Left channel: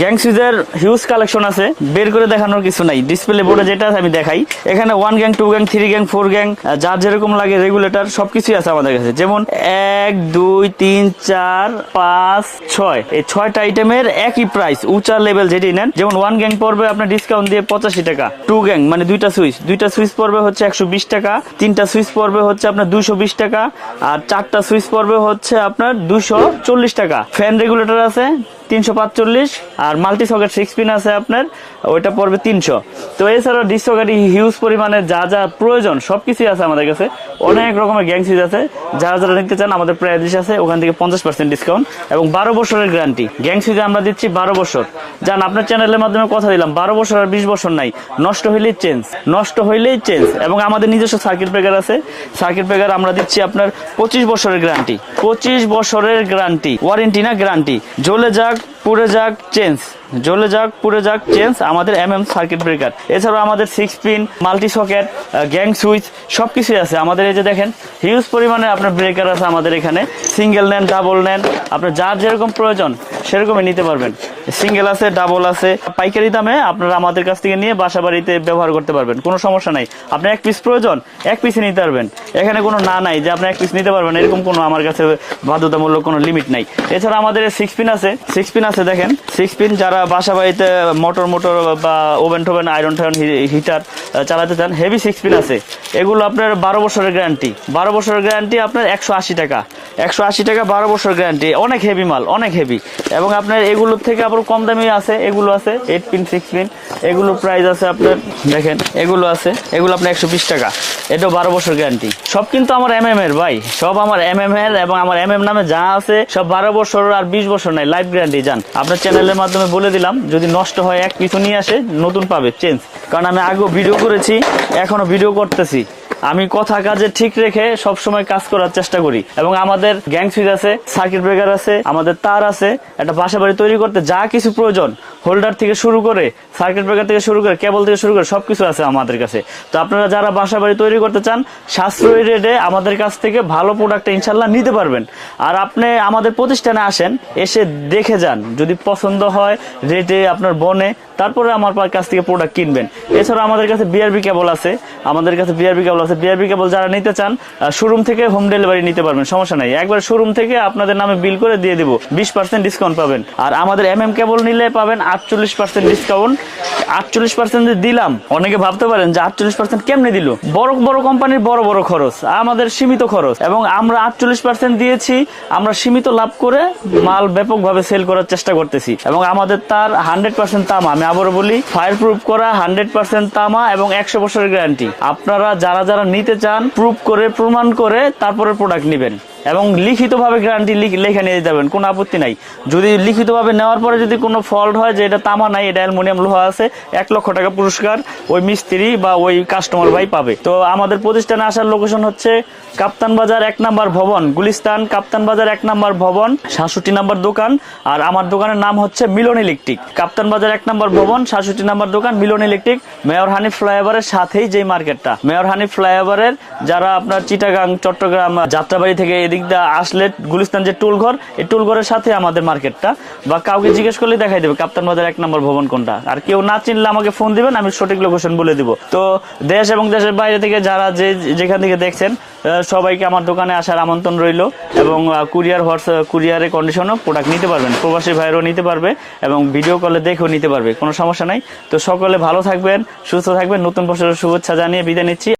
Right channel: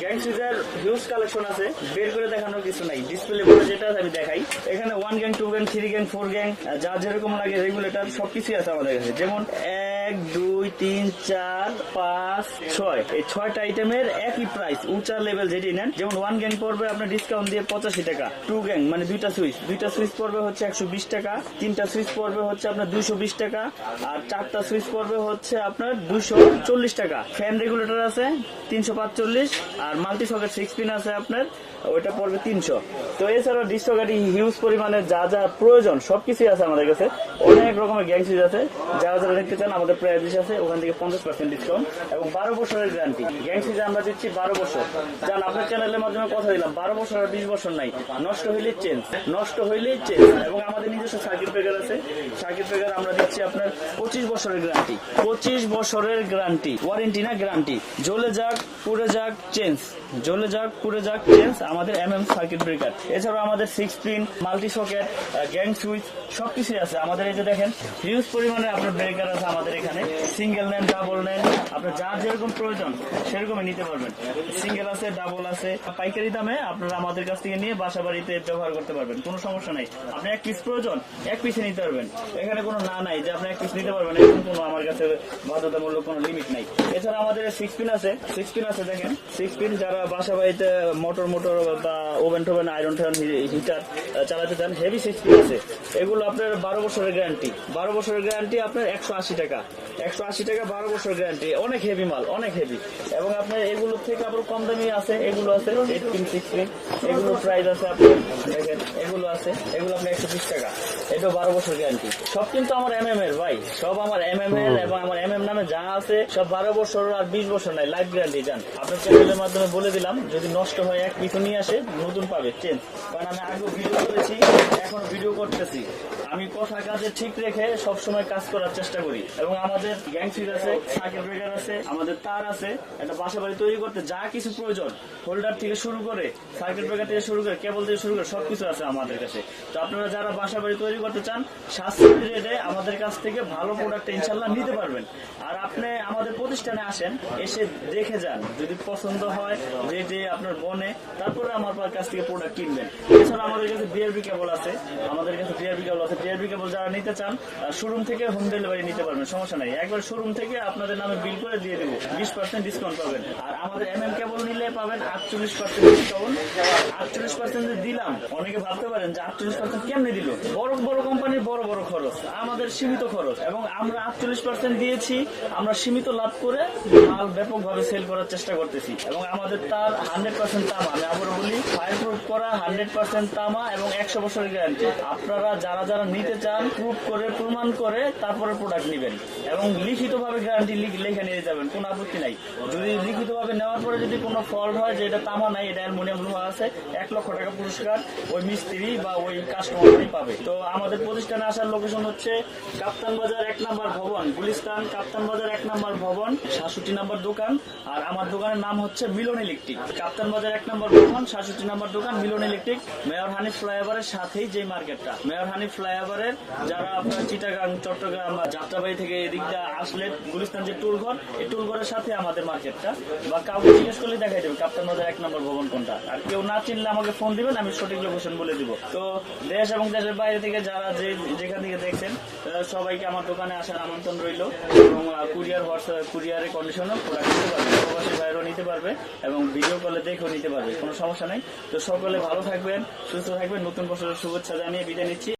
Gang সুইজের huge collection আছে। বের করে দেখানোর কিছু নাই। ডিসপ্লে বোর্ডে যেটা আমি দেখাই। এখানে one gang two gang three gang four gang যার যেরকম লাগে রেগুলেটর সবকিছুই আছে আমাদের কাছে। যেমন এক, দুই, তিন, চার, পাঁচ, ছয়। এই ছয়টা আইটেমের একই প্রাইস উঁচা লেভেল যেটি নেন। যেমন ওয়ান গ্যাং পড়বে আপনার ডিসকাউন্ট দিয়ে পঁচাশি টাকা। টু গ্যাং মানে দুইটা সুইচ দুইটা সুইচ পড়বে হচ্ছে একশো বিশ টাকা। তিনটা সুইচ পড়বে হচ্ছে আপনার দুশো বিশ টাকা। আর চারটা সুইচ পড়বে হচ্ছে আপনার দুশো চল্লিশ টাকা। ফ্যান রেগুলেটর আছে, তিনশো পাঁচচল্লিশ। আর মাল্টি সকেট সিক্স পিন আছে আপনার, ওইটা পড়বে তিনশো। তো এছাড়াও ডিস সকেট হিউজ পরিমাণে যা যা প্রয়োজন, সবকিছুই আছে আমাদের কাছে। অনেক রকমের গ্যাং সুইচ আছে। যারা যারা নিতে চান, আমাদের প্রাইস আছে, ওখান থেকে পঞ্চাশ পার্সেন্ট ডিসকাউন্ট এবং বারো বছরের গ্যারান্টি গ্যাং সুইচে আমরা দিচ্ছি বারো বছর। যান আপনার চ্যানেলের মাধ্যমে কথা দিলাম, বারো বছর আর বিশ বছর নাই। নষ্ট হইলেই চেঞ্জ নষ্ট হইলেই চেঞ্জ এবং আমাদের নিজস্ব সার্কিট ব্রেকার আছে। সার্কিট ব্রেকার আমরা দিচ্ছি আপনার পঁচিশ বছরের গ্যারান্টি পঁচিশ বছরের গ্যারান্টি ওয়ারেন্টি না গ্যারান্টি জ্বলে যাক, পুড়ে যাক চেঞ্জ experience. জ্বলে যাক, পুড়ে যাক চেঞ্জ আমাদের এম এম সার্কিট ব্রেকার এছাড়াও আমাদের six pin multi socket gang switch সব কিছুই আছে। আমাদের এই যে দেখেন হিউজ পরিমাণে আপনার ব্রেকার আছে আমাদের এখানে। সিঙ্গেল নেন ডাবল নেন, আপনার যার যেরকম প্রয়োজন, সেরকমই নিতে পারবেন। সিঙ্গেল আছে ডাবল আছে। পাইকারি দামে আপনারা আমাদের কাছ থেকে নিয়ে বাসা বাড়িতে ব্যবহার করতে পারবেন। কোনো সমস্যা নাই। আপনার এক পিস প্রয়োজন, এক পিসে নিতে পারবেন। এখানে কোনো না নাই যে আপনি এক পিস নিতে পারবেন, এরকম কোনো আমার কাছে বাধ্যতামূলক কোনো লিমিট নাই। এছাড়া আমাদের সিক্স পিন আছে। সিক্স পিন আছে, দেখেন। সিক্স পিন যারা বাসা বাড়িতে মোটর মোটর বা ওভেন টোভেন আয়রন টায়রন হিটার চালাতে চান হেভি সিক্স পিন আছে। এগুলো আপনার বারো বছরের গ্যারান্টি বারো বছরের গ্যারান্টি আপনার একশো আশি টাকা। একশো আশি টাকা, বারো বছর গ্যারান্টি অনেক হেভি মাল, অনেক হেভি এবং আপনার এগুলোর থেকে আবার কম দামি আছে, এগুলো আছে এইট পিন সিক্স পিন এগুলো প্রাইস আছে আপনার, দেখেন, এগুলো আছে, এগুলো আপনার একশো বিশ টাকা। এটাও বারো বছর গ্যারান্টি সব কিন্তু আমার এম এম এর, ভাই। সব আমার এম এম এর এবং আমার এম এম নামে যা আছে, সব বারো বছর আর বিশ বছর নাই লাইফ গ্যারান্টি যান আপনার চ্যানেলের মাধ্যমে বলে দিলাম, যদি নষ্ট হয়, এক কিছু নিয়ে আসে, নতুন পাবে চেঞ্জ কারণ আমি আগেও ভিডিও করেছি, এখনও ভিডিও করতেছি। আমি কথা কাজে ঠিক রেখে সব সময় কাজ করার চেষ্টা করি। এবং আমাদের গ্যাং সুইচ আছে সার্কিট ব্রেকার আছে, আমাদের তার আছে, একটা বাসা বাড়ি তৈরি করতে যা কিছু প্রয়োজন, হোল্ডার থেকে শুরু করে সার্কিট ব্রেকার থেকে শুরু করে, কেবল থেকে শুরু করে সবকিছু আছে আমাদের কাছে। তো আপনারা যারা বাসা বাড়ি তৈরি করতে চান, সাশ্রয়ী রেটে আমাদের কাছ থেকে ভালো প্রোডাক্ট ইনশাল্লাহ নিতে পারবেন। আর আপনি আমাদের প্রতিষ্ঠানে আসেন, এসে দেখে যান, যদি পছন্দ হয় রেটে আপনার বনে, তারপরে আমার কাছ থেকে প্রোডাক্ট কিনবেন। এছাড়া আমাদের কাছে বিআরবি কেবল আছে, আমাদের কাছে বিআরবি কেবল আছে বিআরবি কেবল যারা নিতে চান শোরুম থেকে হোম ডেলিভারি নিতে পারবেন, সমস্যা নাই। একবার শোরুম থেকে আপনাদের নামে বিল করে দিয়ে দেবো, বিশ পার্সেন্ট ডিসকাউন্ট পাবেন। আর আমাদের এম এম কেবল নিলে পাবেন আটচল্লিশ পার্সেন্ট ডিসকাউন্ট আটচল্লিশ পার্সেন্ট দিলাম, অনেকে ভাবতে পারেন যে আটচল্লিশ পার্সেন্ট কেমনে দিল? বড় বড় কোম্পানির বড় বড় খরচ, আমাদের সীমিত খরচ। এবং আমরা আটচল্লিশ পার্সেন্ট দিয়েছি, আমরা সীমিত লাভ করে মাল ব্যাপকভাবে সেল করার চেষ্টা করতেছি। এবং আমাদের তার হান্ড্রেড পার্সেন্ট তামা, আমি আবারও বলি ফায়ার প্রুফ করা হান্ড্রেড পার্সেন্ট তামা এবং একশো বছরের গ্যারান্টি আপনারা, যারা যারা নিতে চান প্রুফ করে প্রমাণ করে তারপরে প্রোডাক্ট নেবেন। এবং লিখিতভাবে গ্যারান্টি লেখা নিয়ে যাবেন কোনো আপত্তি নাই। যদি লিখিতভাবে নেওয়ার পরে যদি কোনো ফল্ট হয় যে এটা তামা নাই, এটা অ্যালুমিনিয়াম লোহা আছে, এক লক্ষ টাকা পুরস্কার ওই মিস্ত্রি বা ওই কাস্টমার ভাই পাবে। তো আমাদের প্রতিষ্ঠানে আসার লোকেশন হচ্ছে কাপ্তান বাজার এক নাম্বার ভবন, গুলিস্তান, কাপ্তান বাজার এক নাম্বার ভবন, সাতষট্টি নাম্বার দোকান, আর আমার দোকানের নাম হচ্ছে মিলন ইলেকট্রিক। কাপ্তান বাজার এক নাম্বার ভবন, সাতষট্টি নাম্বার দোকান, মিলন ইলেকট্রিক, মেয়র হানি ফ্লাইওভারের সাথেই যে মার্কেটটা। মেয়র হানি ফ্লাইওভারের যারা আপনার চিটাগাং, চট্টগ্রাম, যাত্রাবাড়ি থেকে এদিক দিয়ে আসলে গুলিস্তান যে টুল ঘর এই টুল ঘরের সাথে আমাদের মার্কেটটা। বা কাউকে জিজ্ঞেস করলে দেখাই দেবে, কাপ্তান বাজার এক নম্বর ভবন কোনটা। আর কেউ না চিনলে আমাকে ফোন দিবেন, আমি সঠিক লোকেশন বলে দিব। তো দেশ এবং দেশের বাইরে থেকে যারা যে যেখান থেকে দেখছেন সবাইকে আমার দোকানে আসার আমন্ত্রণ রইল। এবং কুরিয়ার হোয়াটসঅ্যাপ কুরিয়ারের কন্ডিশনও প্রোডাক্ট নিতে পারবেন, প্রবাসী ভাইয়েরও নিতে পারবে, এবং ভিডিও কলে দেখেও নিতে পারবে, কোনো সমস্যা নাই। তো সকলে ভালো থাকবেন, সুস্থ থাকবেন, নতুন বছরের শুভেচ্ছা জানিয়ে বিদায় নিচ্ছি।